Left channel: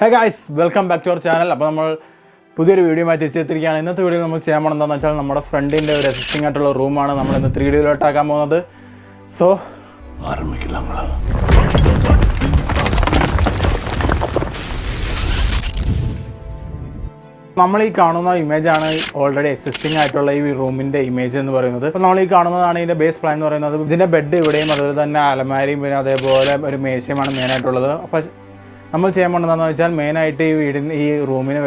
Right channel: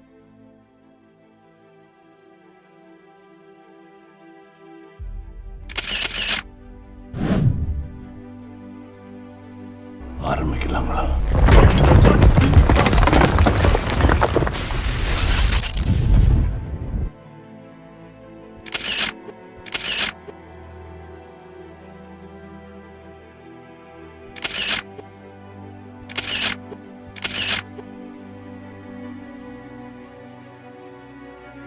Hey guys, welcome back to our channel. അപ്പോൾ നമ്മൾ പുതിയൊരു വീഡിയോയുമായി തിരിച്ചെത്തിയിരിക്കുകയാണ്. ഇന്നത്തെ വീഡിയോ നമ്മൾ ചെയ്യാൻ പോകുന്നത് എന്താണെന്ന് വെച്ചാൽ നമ്മുടെ ഫ്രണ്ടിൻ്റെ ഒരു എക്സിസ്റ്റിംഗ് ആയിട്ടുള്ള റൂമാണ് നമ്മൾ ഇന്ന് 3D ആക്കാൻ പോകുന്നത്. സോ ആരംഭിക്കില്ല. നമ്മൾ ഈ കാണുന്ന ഇമേജാണ് ഓൾറെഡി എക്സിസ്റ്റിംഗ് ആയിട്ടുള്ള ഈ റൂമിൻ്റെ ഇമേജ് എന്ന് പറയുന്നത്. അപ്പോൾ നമ്മൾ ഈ കാണുന്നതാണ് ഇതിൻ്റെ ബേസ് പ്ലാൻ എന്ന് പറയുന്നത്. ഇതിൻ്റെ ബെഡ് ഇവിടെയും അതുപോലെ തന്നെ അലമാരിയും പിന്നെ അതേപോലെ ഒരു മേശയുമാണ് മെയിനായിട്ടുള്ളത്. അപ്പോൾ നമ്മൾ ചെയ്യാൻ പോകുന്നതെന്ന് വെച്ചാൽ മെയിനായിട്ട് ഈ റൂമിന്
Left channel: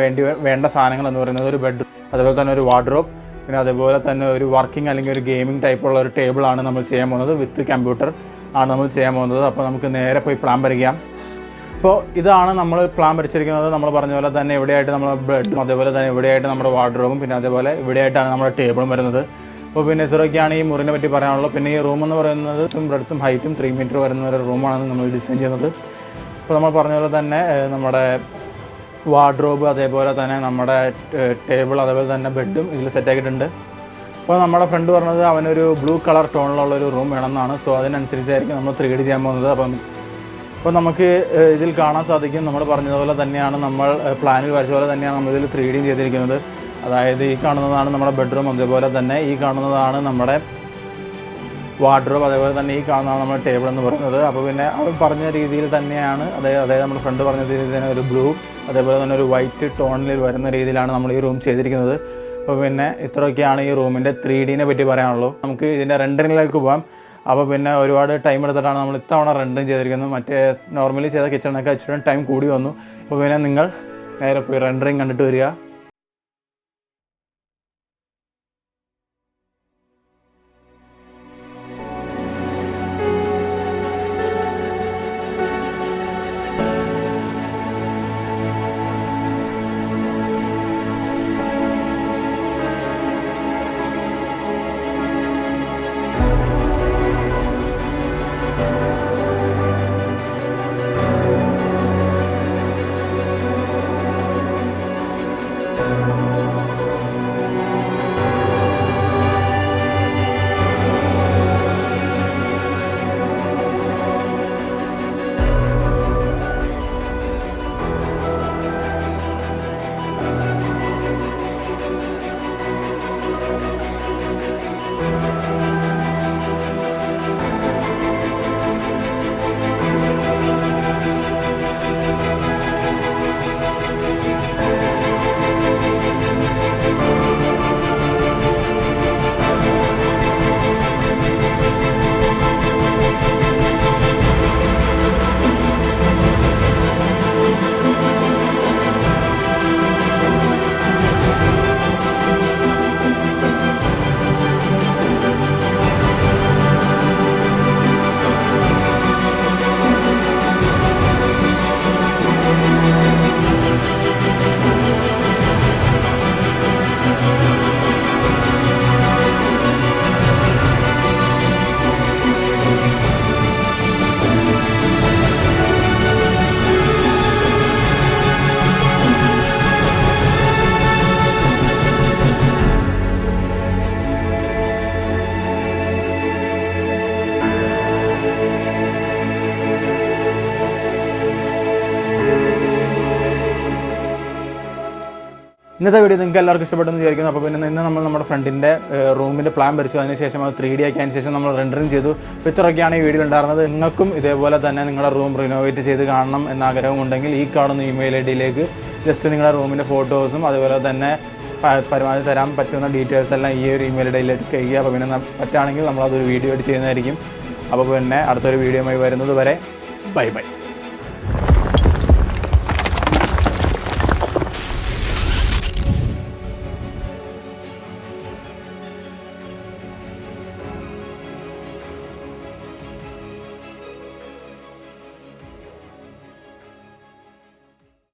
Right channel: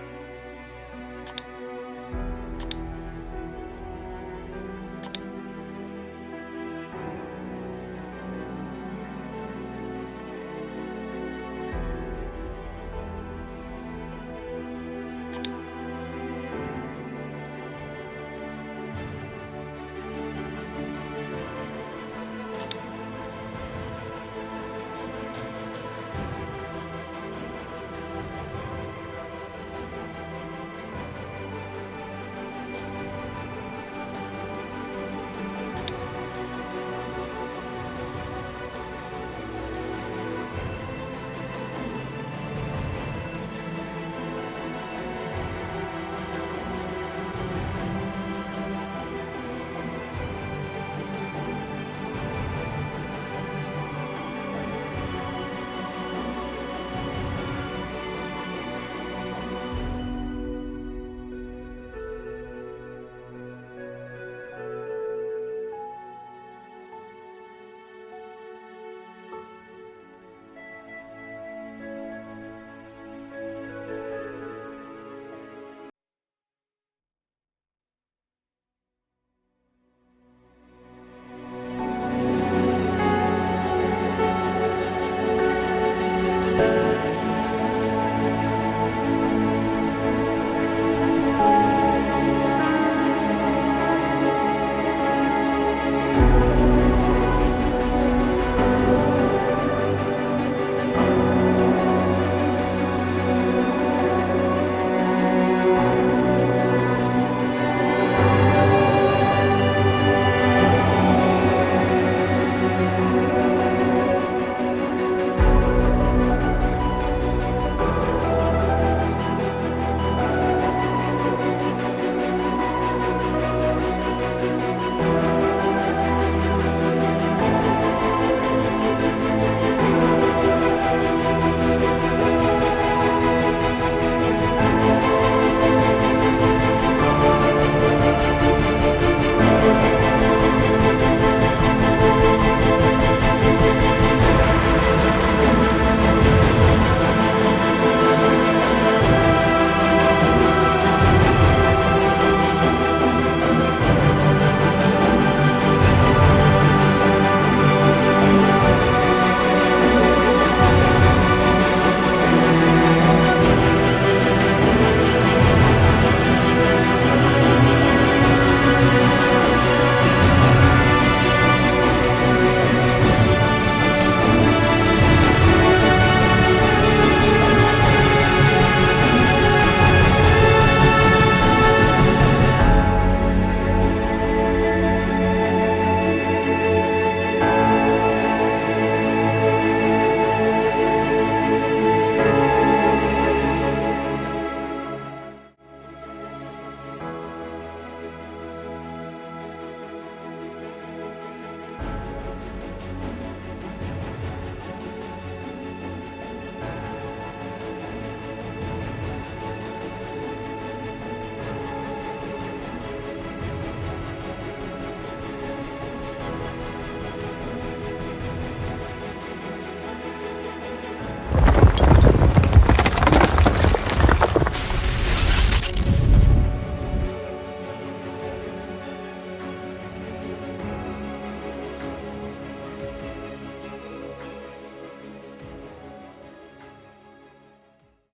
വേണ്ട സാധനങ്ങൾ എന്ന് പറയുന്നത് ഒരു ബെഡ്, അതുപോലെ തന്നെ ഒരു വാർഡ്രോബ്, പിന്നെ അതേപോലെ തന്നെ ഒരു വർക്കിംഗ് അല്ലെങ്കിൽ ഒരു ഗെയിമിംഗ് ടൈപ്പുള്ള ഒരു ടേബിളാണ് നമ്മൾ ചെയ്യാൻ പോകുന്നത്. വിത്ത് കമ്പ്യൂട്ടർ ആണ് നമ്മൾ ചെയ്യാൻ പോകുന്നത്. അപ്പോൾ നമുക്ക് നേരെ പോയി പ്ലാൻ വരയ്ക്കാം. അപ്പോൾ ഇതാണ് നമ്മൾ പ്ലാൻ വരച്ചിരിക്കുന്നത്. നമ്മൾ പറഞ്ഞ പോലെ തന്നെ ഇവിടെയായിട്ട് നമ്മുടെ ബെഡും അതേപോലെ തന്നെ ഇവിടെയായിട്ട് നമ്മുടെ വാർഡ്രോബും പിന്നെ അതേപോലെ ഇവിടെയായിട്ടാണ് നമ്മുടെ ടേബിളും വരുന്നത്. അപ്പോൾ പിന്നെ ഇത്രയൊക്കെയാണ് ഈ മുറിനെ പറ്റി പറയാനുള്ളത്. പിന്നെ ഈ റൂം എന്ന് പറയുന്നത് ബ്രെഡ്ത്തും ഹൈറ്റും 3 മീറ്റർ വരുന്ന ഒരു റൂമാണ് നമ്മൾ ഡിസൈൻ ചെയ്യുന്നത്. അപ്പോൾ നമ്മൾ പറഞ്ഞ പോലെ തന്നെ നമ്മുടെ വാർഡ്രോബ് അതേപോലെ തന്നെ നമ്മുടെ ടേബിൾ അതേപോലെ തന്നെ ബെഡും ഇതിൽ സെറ്റാക്കിയിട്ടുണ്ട്. അപ്പോൾ നമ്മുടെ ഫ്രണ്ട് പറഞ്ഞത് അവനൊരു ബ്ലൂ കളർ ടോണിലുള്ളൊരു റൂം വേണമെന്നാണ്. സോ അതിനനുസരിച്ചായിരിക്കും നമ്മൾ 3D ചെയ്യാൻ പോകുന്നത്. അപ്പോൾ നമുക്ക് ഇതിൽ കാണാൻ സാധിക്കും, നമ്മൾ പറഞ്ഞതുപോലെ തന്നെയാണ്, നമ്മൾ പ്ലാനിൽ വരച്ച പോലെ തന്നെയാണ് നമ്മളിതിൽ 3D ചെയ്തിരിക്കുന്നത്. അതായത് ഈ കാണുന്നതാണ് നമ്മുടെ ബെഡ്റൂം, അതേപോലെ തന്നെ ഈ കാണുന്നതാണ് നമ്മുടെ വാർഡ്രോബ്, അതേപോലെ തന്നെ ഈ കാണുന്നതാണ് നമ്മുടെ ടേബിൾ എന്ന് പറയുന്നത്. അപ്പോൾ പിന്നെ അവർ പറഞ്ഞ രീതിയിൽ തന്നെയാണ്, അതായത് നമ്മുടെ ഫ്രണ്ട് പറഞ്ഞ രീതിയിൽ തന്നെ ഒരു ബ്ലൂ അതേപോലെ തന്നെ ഒരു വൈറ്റ് ടോണിൽ വരുന്ന രീതിയിലാണ് നമ്മൾ ഈ റൂം ചെയ്തിരിക്കുന്നത്. അപ്പോൾ പിന്നെ ഇത്രയൊക്കെയാണ് ഈ റൂമിൻ്റെ 3Dനെ പറ്റി പറയാനുള്ളൂ. നമുക്ക് ഇതിൻ്റെ റെൻഡറിങ്ങിലേക്ക് പോകാം. അപ്പോൾ പിന്നെ ഒരുപാട് ടൈം എടുത്തിട്ടാണ് നമ്മൾ ഇത്തവണ റെൻഡറിങ് ചെയ്തിരിക്കുന്നത്. മറ്റേ നോർമലി ചെയ്ത കിച്ചണൊക്കെ ഇച്ചിരി ടൈം കൂടി വന്നു. അപ്പോൾ പിന്നെ നിങ്ങൾ നേരെ പോയി റെൻഡറിങ് കണ്ടിട്ട് വരിക. ഇന്നത്തെ വീഡിയോ നിങ്ങൾക്ക് എല്ലാവർക്കും ഇഷ്ടപ്പെട്ടെന്ന് വിചാരിക്കുന്നു. അപ്പോൾ പിന്നെ ഇന്ന് നമ്മൾ നമ്മുടെ ഫ്രണ്ടിൻ്റെ റൂമിൻ്റെ പ്ലാൻ വരച്ചു, അതിന് ശേഷം അത് 3D ആക്കിയതിന് ശേഷം നമ്മൾ റെൻഡറിങ് ചെയ്തു. ഇത്രയൊക്കെയാണ് ഈ വീഡിയോ ഉണ്ടായിരുന്നത്. നിങ്ങൾക്കും ഇതേപോലെ തന്നെ നിങ്ങളുടെ റൂം റിനോവേറ്റ് ചെയ്ത് കാണണം എന്ന ആഗ്രഹമുണ്ടെങ്കിൽ ഈ കാണുന്ന ഇമെയിൽ ഐഡിയിലേക്ക് ജസ്റ്റ് നിങ്ങളുടെ റൂമിൻ്റെ ഫോട്ടോസും അതുപോലെ തന്നെ പരമാവധി തരാൻ പറ്റുന്ന ഡീറ്റെയിൽസ് എല്ലാം ഈ ഒരു ഇമെയിൽ ഐഡിയിലേക്ക് ചെയ്യുക. അപ്പോൾ പിന്നെ പറ്റുകയാണെങ്കിൽ നമ്മളതൊരു വീഡിയോ ആയിട്ട് ചെയ്യുന്നതായിരിക്കും. അപ്പോൾ പിന്നെ അടുത്തൊരു വീഡിയോയുമായി വരുന്നത് വരെ ബൈ ബൈ.